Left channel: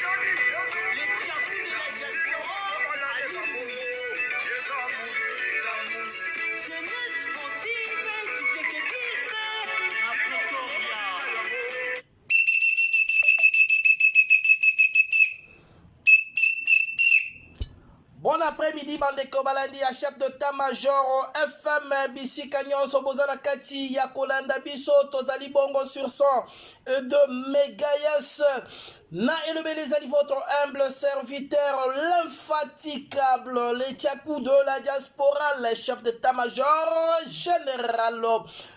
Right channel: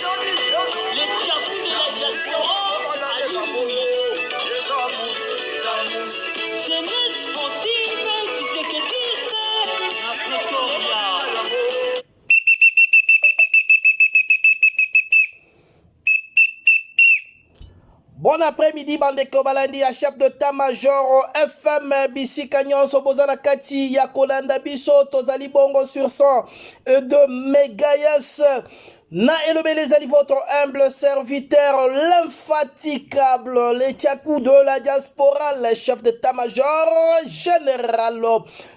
Les champions de la diaspora, alléluia. Jeunesse sportive, Tshisekedi, à Pretoria. Bon après-midi, Bandeko Balandi, à chef de tamajor FM Bisika Nyonso Bozana Kati Yakolanda Biso Tozali Bongo sur 102 MHz. Na élevez les amis, votre humble serviteur, l'infatigable, les tchakou de la diaspora, le chef de tamajor général,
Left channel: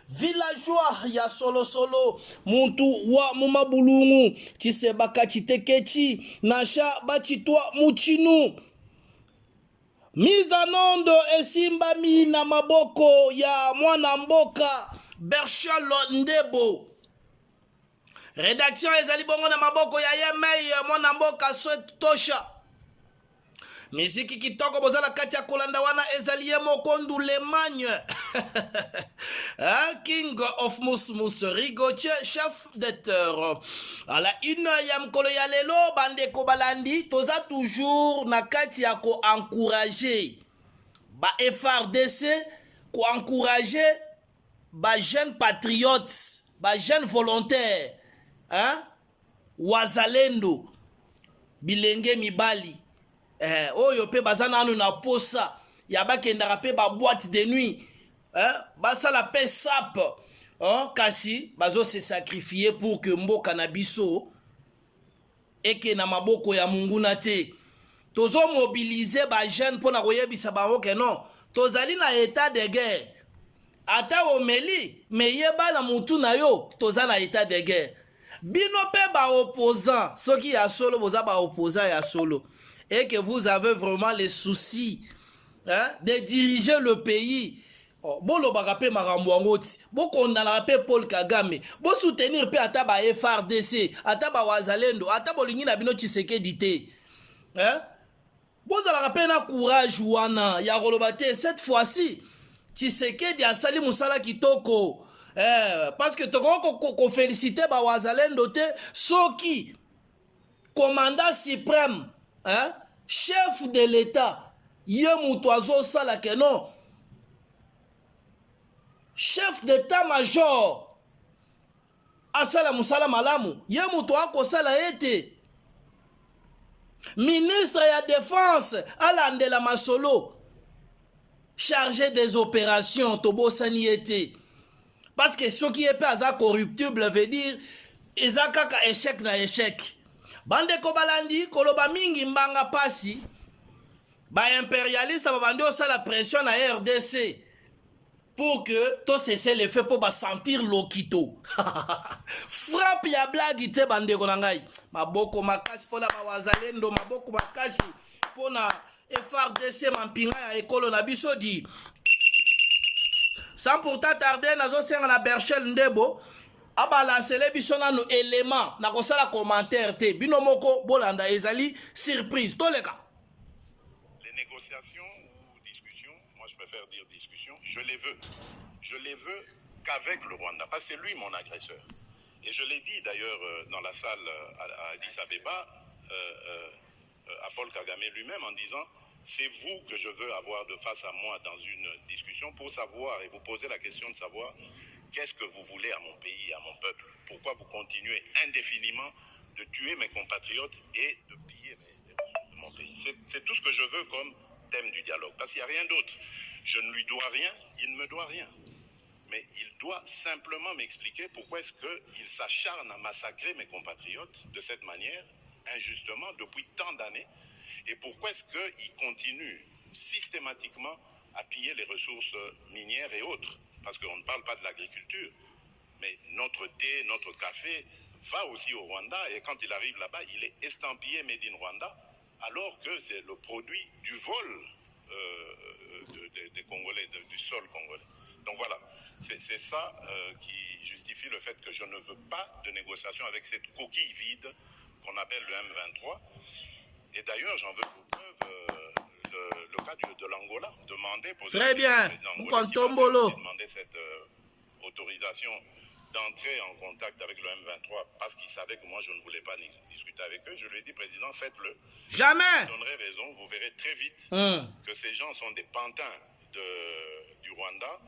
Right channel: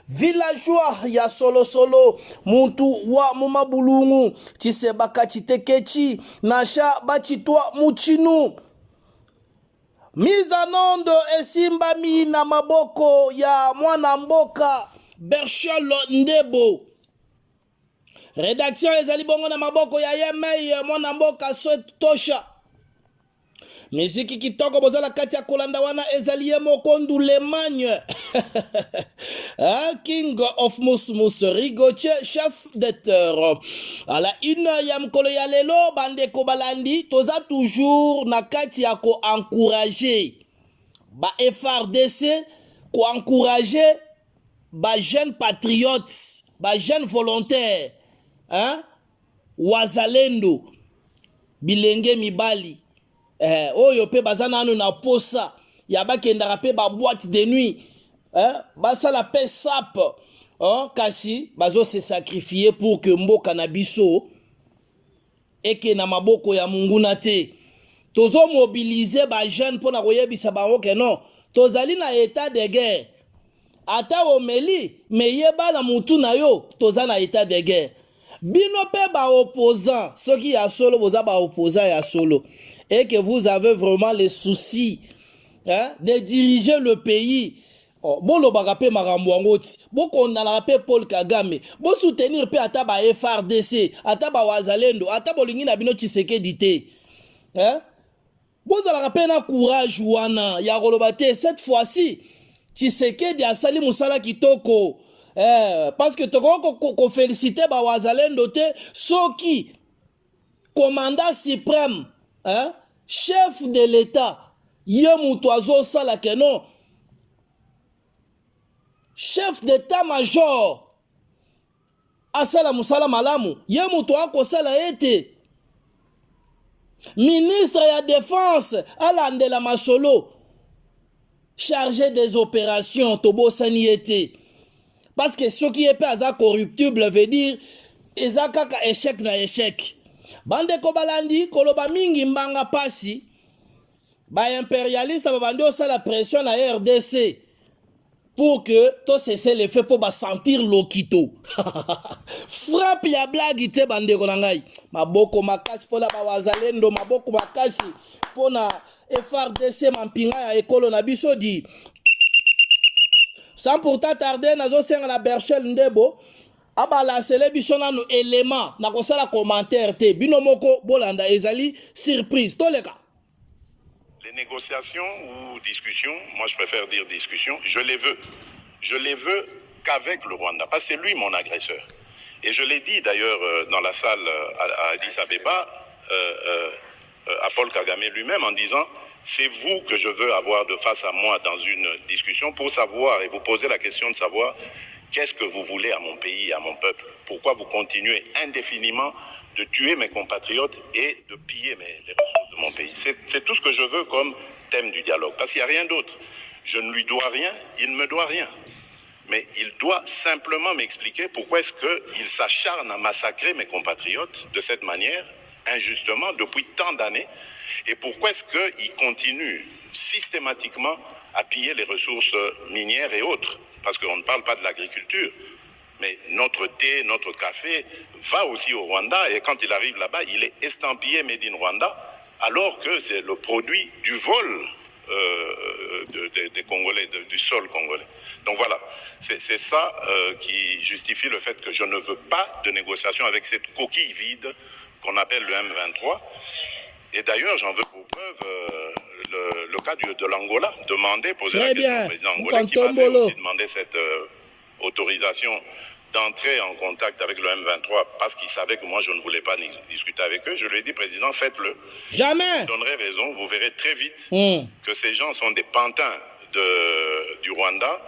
villageois, ya solo solo, muntu wa mumabulungu, Tisebaka Chitekechi, Nasha Bachitwa Muchinu. Mise en onde esimbami na maboko ya mwana mboka Berchol Ndebo. Rédaction ezali bongo na maboko ya Yemei mwana mboka Tosha. Miziki kitoko bozala kati ya kolanda wana ezali ye mokondu Lemagne. King of Musmus Rigoche, chef d'acteur. À la une ya mkolo ya lelo bandeko balandi toza toujours na kati ya ko encourager ba FRDC, ko encourager ba jeunes patriotes, ba jeunes volontaires, wazalendo bilenge mibali. Oyo pe bazana anu na posa ya bakendaka pe ba boîte de nuit, basala pe sap, kasi bazo se sacrifier pour que mboka na biso eke na maboko ya munguna te. Tozo mobiliser ba jeune pona koyebisa bango ke non tozali na état de guerre. Ata omeli me yeba na mutu na yo toza na état de guerre. Bino pe ba opposant soki ya solo boza ba opposant ya solo et que vous avez vraiment les soucis de diriger le pays. Bolo bagape marambwangoti, boko ndana pe Paul Kagame, bo soutenir pe ata ba FRDC, ata ba wazalendo, ata bolingi na bino Tshisekedi te. Bozala pe na courage wana ya kolobate cette fois-ci Tshisekedi asali musala kitoko. Parce que toko ko féliciter ba wazalendo te soki commandant suprême, chef de l'État, ye mutu azosala ke non. Chef d'état-major asala musala malamu, ye mutu akosala ete. Ministre ya défense alandela masolo, chargé des opérations tobo sani ete. Parce que ce qui est pas corruptible veut dire ezakaka échec na échec. Bande kobalandi koloba mingi mbanga pasi ba impérialiste babandi osala pression na RDC pour que tout cesse le fait pour ba sentir lokito. Frappe ya blague te bande konangai. Maboko makasi pona ba wazalendo, maboko makasi pona FRDC mampinga ya ekolo na biso di. Sans pourtant tarder nazo senga na Berchol Ndebo. Aba lancele biso nanu élément na kosala commentaire te binomoko bolanda ezali surprise toleka. Les négociations ou discussions, moi je préfère dire discussions, je les veux qu'avec le Rwanda parce que c'est lui mon agresseur. Et je l'ai dit d'ailleurs dans la salle à Addis Abeba à Paul Kagame lui-même en disant c'est vous que je veux avoir de face à moi dans une discussion pour savoir et vous poser la question de savoir qu'est-ce que vous voulez à mon pays, à mon peuple? Pourquoi vous continuez indéfiniment de tuer mes compatriotes et de piller les ressources de mon pays? C'est tout ce que je veux comme thème du dialogue. Parce qu'il n'y a rien d'autre. Je ne lui dois rien, il ne me doit rien. Mais il doit simplement m'expliquer pourquoi est-ce qu'il s'acharne à massacrer mes compatriotes de cette manière, injustement, depuis tant d'années. Et pourquoi est-ce qu'il continue systématiquement à piller les ressources minières et autres? Parce qu'on ne parle pas de l'agriculture, mais notre thé, notre café va aussi au Rwanda et quand il arrive là-bas, il est estampillé Made in Rwanda alors que c'est le produit du vol des Congolais, du sol congolais. Donc voilà, c'est ça qui justifie le fait que je ne veux pas de négociation avec cette coquille vide qu'on appelle le M23. Et d'ailleurs, j'en veux pour preuve le cas de l'Angola, poser la question au président angolais qui va aussi demander cette autorisation d'entrer en contact avec le M23 parce qu'ils savaient que moi je ne voulais pas discuter avec eux. Je lui ai dit, président, faites-le. Jamais. Je vous donnerai raison, vous verrez très vite que ces gens sont des pantins du Rwanda.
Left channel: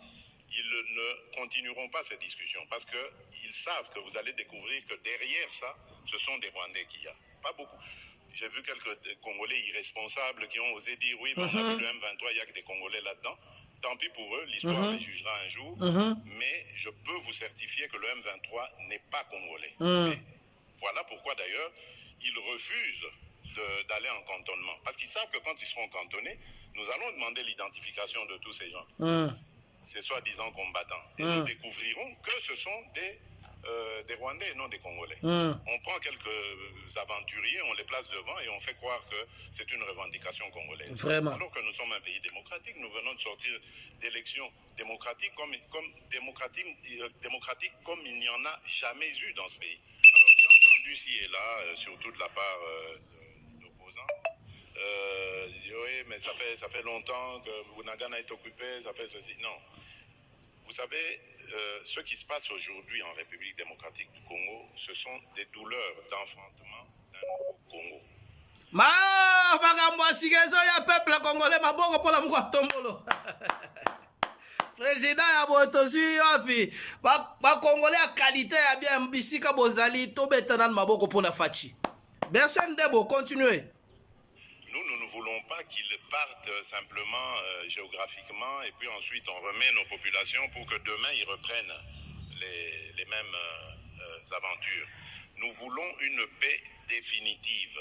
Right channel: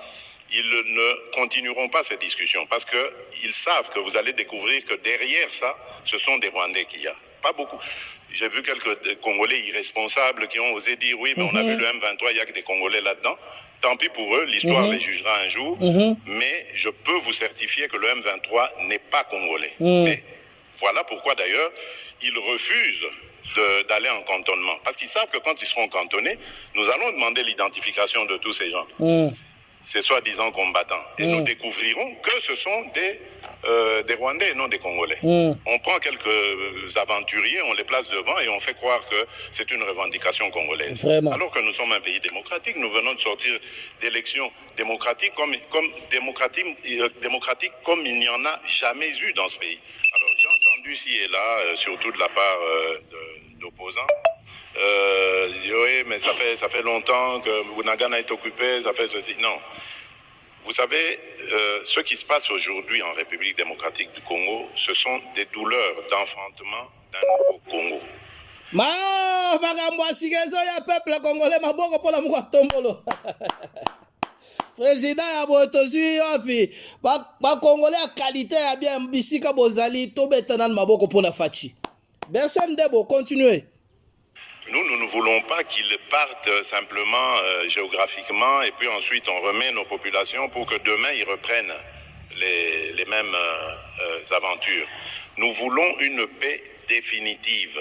Ils ne continueront pas ces discussions parce qu'ils savent que vous allez découvrir que derrière ça, ce sont des Rwandais qu'il y a. Pas beaucoup. J'ai vu quelques Congolais irresponsables qui ont osé dire oui, mais on a vu le M23, il n'y a que des Congolais là-dedans. Tant pis pour eux, l'histoire les jugera un jour. Mais je peux vous certifier que le M23 n'est pas congolais. Et voilà pourquoi d'ailleurs, ils refusent d'aller en cantonnement. Parce qu'ils savent que quand ils seront cantonnés, nous allons demander l'identification de tous ces gens. Ces soi-disant combattants. Et nous découvrirons que ce sont des Rwandais et non des Congolais. On prend quelques aventuriers, on les place devant et on fait croire que c'est une revendication congolaise. Vraiment. Alors que nous sommes un pays démocratique, nous venons de sortir d'élections démocratiques démocratiques comme il n'y en a jamais eu dans ce pays. Alors j'ai entendu ci et là, surtout de la part d'opposants, oui, mais ça fait longtemps que Bunagana est occupé, ça fait ceci. Non. Vous savez, ce qui se passe aujourd'hui en République démocratique du Congo, ce sont des douleurs d'enfantement d'un nouveau Congo. Makambo asikezo ya peuple congolais maboko pona moko tombolo. Président ya botozi yapi ba congolais à qualité ya bien bisika bozali tobeta nan maboko pona fachi. Personne debo continuer. Nous ne voulons pas qu'ils partent simplement géographiquement et puis ensuite on remet nos populations pour que demain ils reprennent les mêmes aventures. Nous voulons une paix définitive.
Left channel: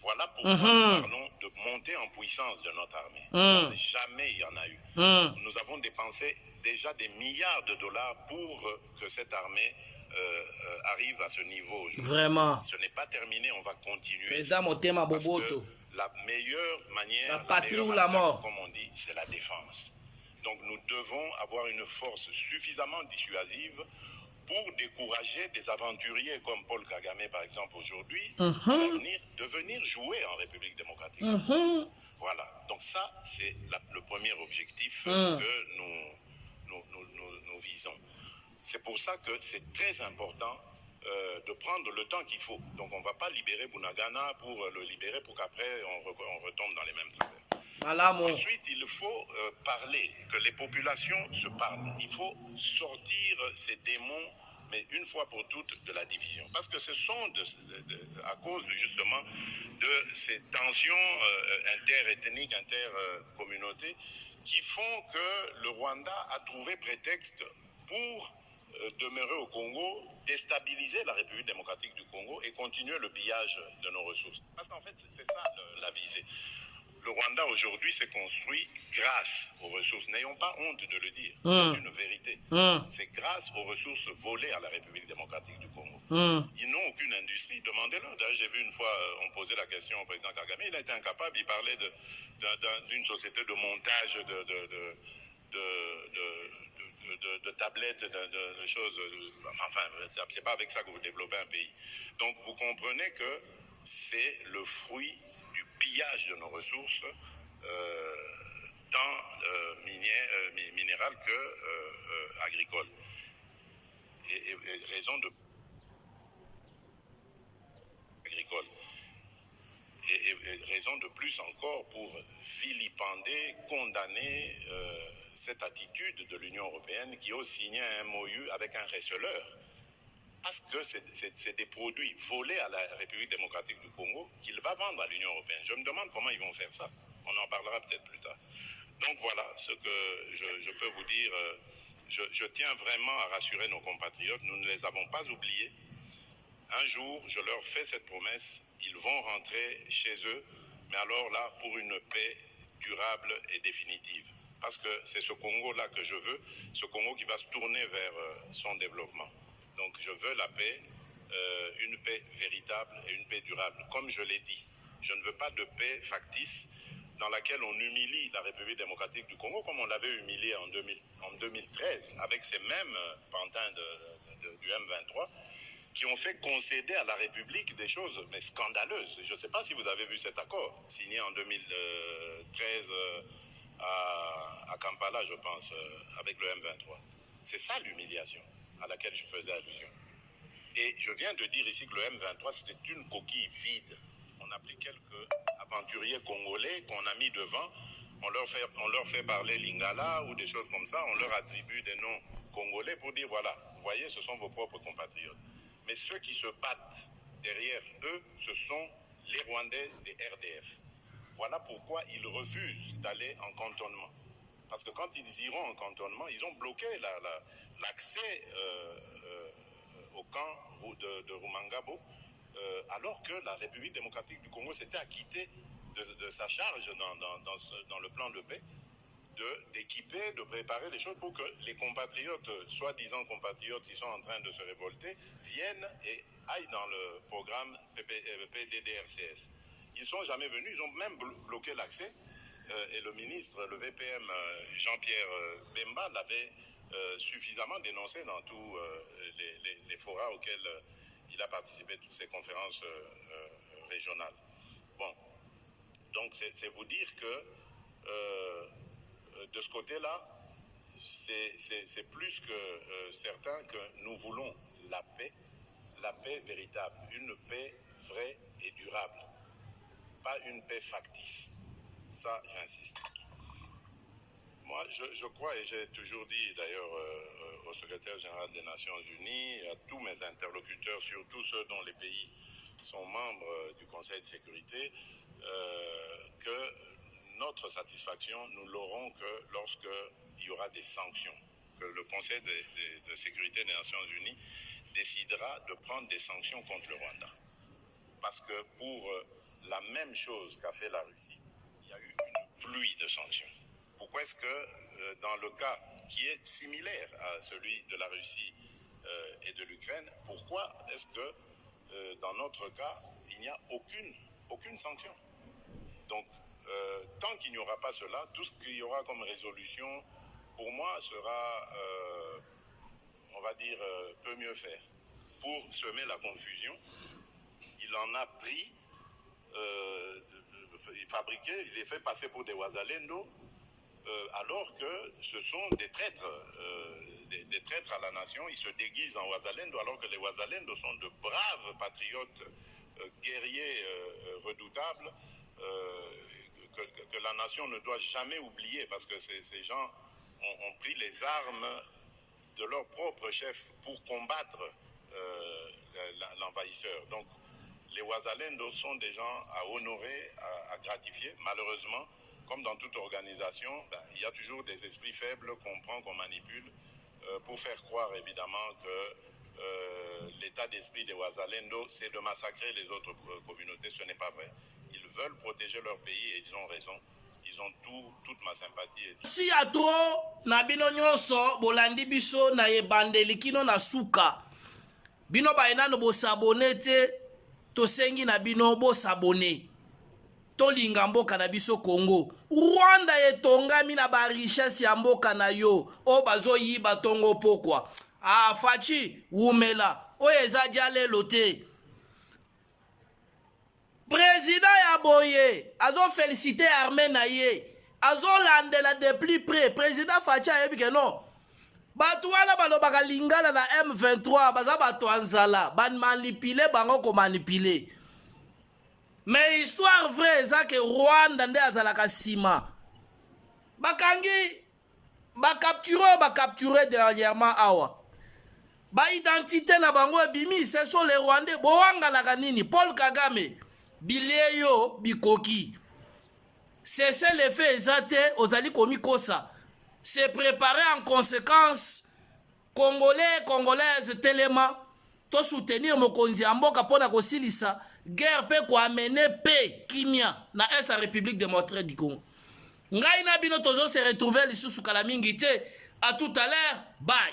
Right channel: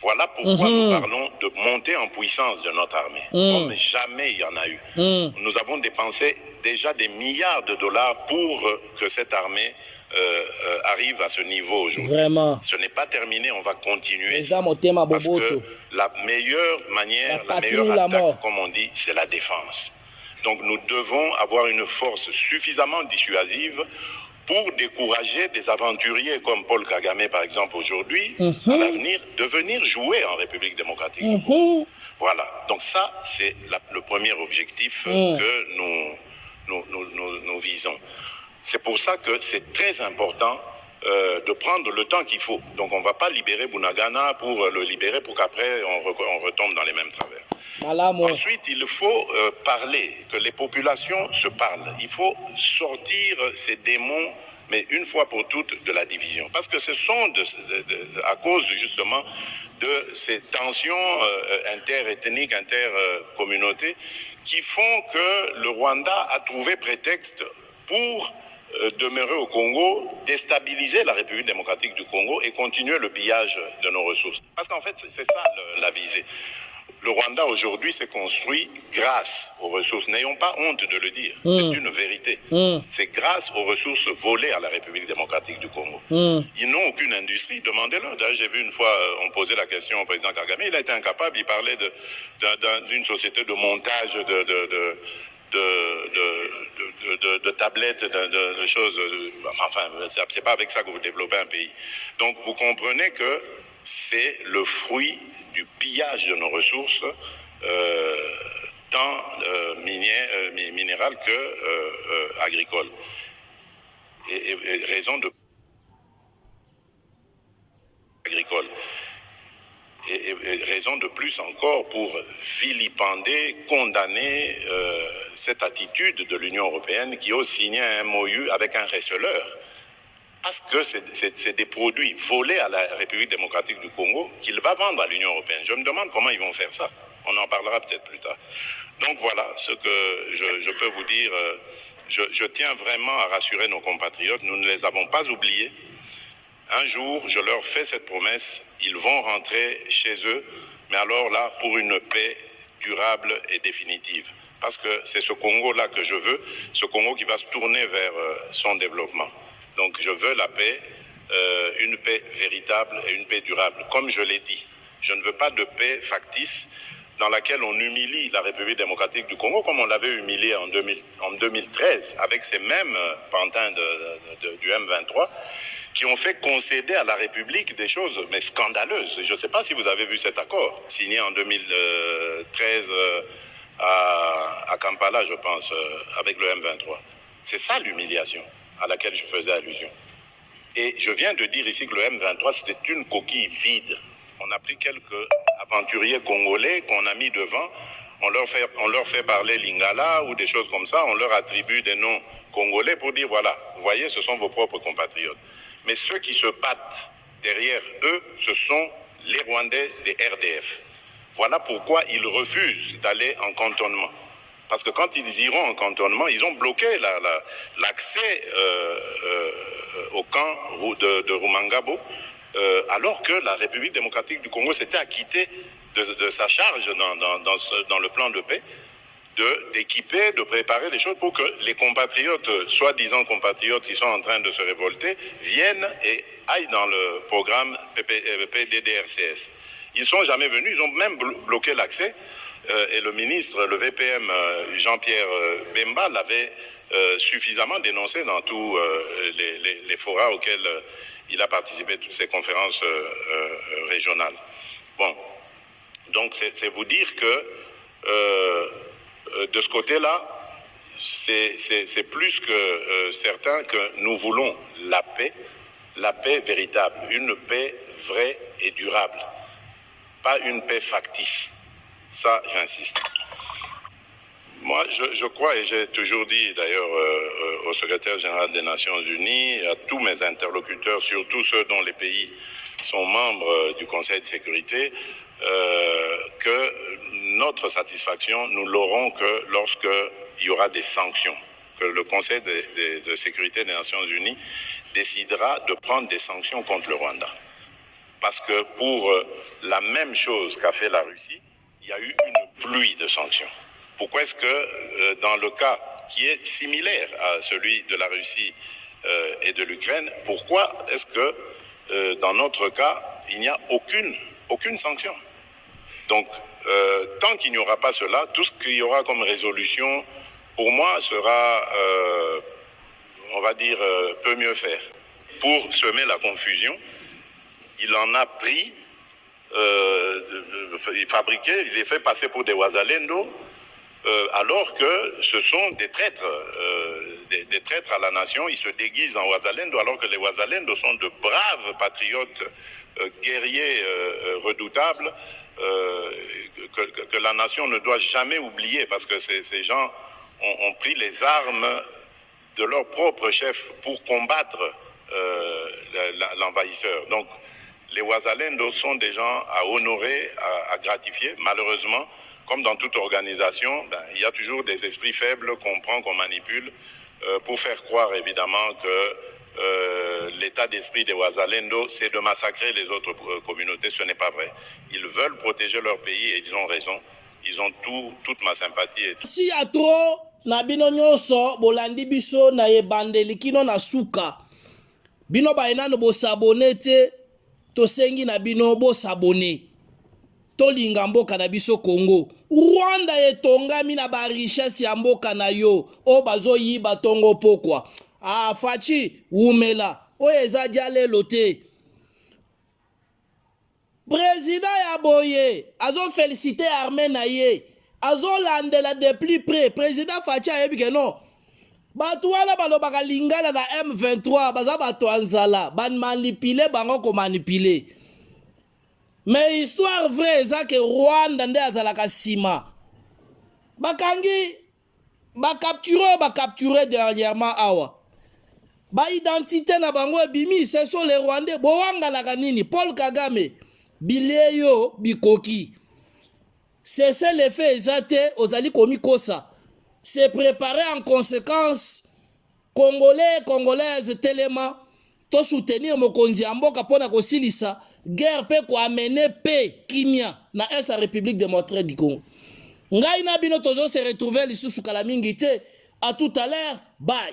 Voilà pourquoi nous parlons de monter en puissance de notre armée. Comme jamais il y en a eu. Nous avons dépensé déjà des milliards de dollars pour que cette armée arrive à ce niveau aujourd'hui. Vraiment. Ce n'est pas terminé, on va continuer. Parce que la meilleure manière, la meilleure attaque, comme on dit, c'est la défense. Donc nous devons avoir une force suffisamment dissuasive pour décourager des aventuriers comme Paul Kagame, par exemple, aujourd'hui, à l'avenir, de venir jouer en République démocratique. Voilà. Donc ça, c'est le premier objectif que nous visons. C'est pour ça que c'est très important de prendre le temps qu'il faut. Donc on ne va pas libérer Bunagana pour le libérer pour qu'après on retombe dans les mêmes travers. Ensuite, il faut parler, que les populations se parlent. Il faut sortir ces démons, mais une fois pour toutes, de la division. Parce que ce sont à cause justement de ces tensions interethniques, intercommunautés, qui font que le Rwanda a trouvé prétexte pour demeurer au Congo, déstabiliser la République démocratique du Congo et continuer le pillage de nos ressources. Parce qu'en fait, c'est ça la visée. Le Rwanda aujourd'hui s'est construit grâce aux ressources. N'ayons pas honte de le dire. C'est une vérité. C'est grâce aux ressources volées à la République démocratique du Congo. Ils n'ont aucune industrie. Demandez-leur. D'ailleurs, j'ai vu une fois, on posait la question au président Kagame. Il a été incapable. Il parlait d'une société de montage de tablettes, de choses. Enfin, c'est pas avec ça que vous développez un pays. Donc, vous comprenez que c'est le fruit du pillage de nos ressources, tant minérales que agricoles. Et raison de agricole. Et raison de plus encore pour vilipender, condamner cette attitude de l'Union européenne qui ose signer un MOU avec un receleur. Parce que c'est des produits volés à la République démocratique du Congo qu'il va vendre à l'Union européenne. Je me demande comment ils vont faire ça. On en parlera peut-être plus tard. Donc voilà ce que je peux vous dire. Je tiens vraiment à rassurer nos compatriotes. Nous ne les avons pas oubliés. Un jour, je leur fais cette promesse. Ils vont rentrer chez eux. Mais alors là, pour une paix durable et définitive. Parce que c'est ce Congo-là que je veux. Ce Congo qui va se tourner vers son développement. Donc je veux la paix, une paix véritable et une paix durable. Comme je l'ai dit, je ne veux pas de paix factice dans laquelle on humilie la République démocratique du Congo comme on l'avait humiliée en 2013 avec ces mêmes pantins du M23 qui ont fait concéder à la République des choses mais scandaleuses. Je ne sais pas si vous avez vu cet accord signé en 2013 à Kampala, je pense, avec le M23. C'est ça l'humiliation. à laquelle je faisais allusion. Et je viens de dire ici que le M23, c'était une coquille vide. On a pris quelques aventuriers congolais qu'on a mis devant, on leur fait parler lingala ou des choses comme ça, on leur attribue des noms congolais pour dire, voilà, vous voyez, ce sont vos propres compatriotes. Mais ceux qui se battent derrière eux, ce sont les Rwandais des RDF. Voilà pourquoi ils refusent d'aller en cantonnement. Parce que quand ils iront en cantonnement, ils ont bloqué l'accès au camp de Rumangabo, alors que la République démocratique du Congo s'était acquittée de sa charge dans le plan de paix, d'équiper, de préparer les choses pour que les compatriotes, soi-disant compatriotes qui sont en train de se révolter, viennent et aillent dans le programme PDDRCS. Ils ne sont jamais venus, ils ont même bloqué l'accès. Et le ministre, le VPM Jean-Pierre Bemba l'avait suffisamment dénoncé dans tous les forats auxquels il a participé, toutes ces conférences régionales. Bon, donc c'est vous dire que de ce côté-là, c'est plus que certain que nous voulons la paix véritable, une paix vraie et durable, pas une paix factice. Ça, j'insiste. Moi, je crois, et j'ai toujours dit d'ailleurs au secrétaire général des Nations Unies, à tous mes interlocuteurs, surtout ceux dont les pays sont membres du Conseil de sécurité, que notre satisfaction, nous l'aurons que lorsqu'il y aura des sanctions, que le Conseil de sécurité des Nations Unies décidera de prendre des sanctions contre le Rwanda. Parce que pour la même chose qu'a fait la Russie, il y a eu une pluie de sanctions. Pourquoi est-ce que dans le cas qui est similaire à celui de la Russie et de l'Ukraine, pourquoi est-ce que dans notre cas, il n'y a aucune sanction? Donc, tant qu'il n'y aura pas cela, tout ce qu'il y aura comme résolution, pour moi, sera, on va dire, peut mieux faire. Pour semer la confusion, il en a pris, il les fait passer pour des Wazalendo, alors que ce sont des traîtres à la nation. Ils se déguisent en Wazalendo, alors que les Wazalendo sont de braves patriotes, guerriers redoutables, que la nation ne doit jamais oublier, parce que ces gens ont pris les armes de leur propre chef pour combattre l'envahisseur. Donc, les Wazalendo sont des gens à honorer, à gratifier. Malheureusement, comme dans toute organisation, il y a toujours des esprits faibles qu'on prend, qu'on manipule, pour faire croire évidemment que l'état d'esprit des Wazalendo, c'est de massacrer les autres communautés. Ce n'est pas vrai. Ils veulent protéger leur pays et ils ont raison. Ils ont toute ma sympathie. Si à trop, na bino nyonso, bolandi biso na yebandeli kino na suka. Bino baina no bo s'abonner te. Tosengi na bino bo s'abonner. Tolinga mboka na biso Congo. Rwanda etongami na ba richesse ya mboka na yo. O bazo yiba tongo pokwa. Ah fachi wumela. O eza dialelo te. Président ya boye azo féliciter armée na ye. Azo landela de plus près. Président Fachi ayebi ke non. Batu wana balobaka lingala na M23 baza bato anzala ban manipule bango ko manipule. Mais histoire vraie eza ke Rwanda nde azalaka sima. Bakangi capturé dernièrement awa. Ba identité na bango ebimi, ce sont les Rwandais. Boanga la kanini Paul Kagame bilie yo bikoki. Cessez les faits ezate ozali komi kosa. Se préparer en conséquence. Congolais, Congolaises, Téléma, to soutenir mokonzi ya mboka pona kosilisa guerre pe ko amener paix kimia na esa République démocratique du Congo. Ngai na bino tozo se retrouver lisusu kala mingi te. À tout à l'heure. Bye.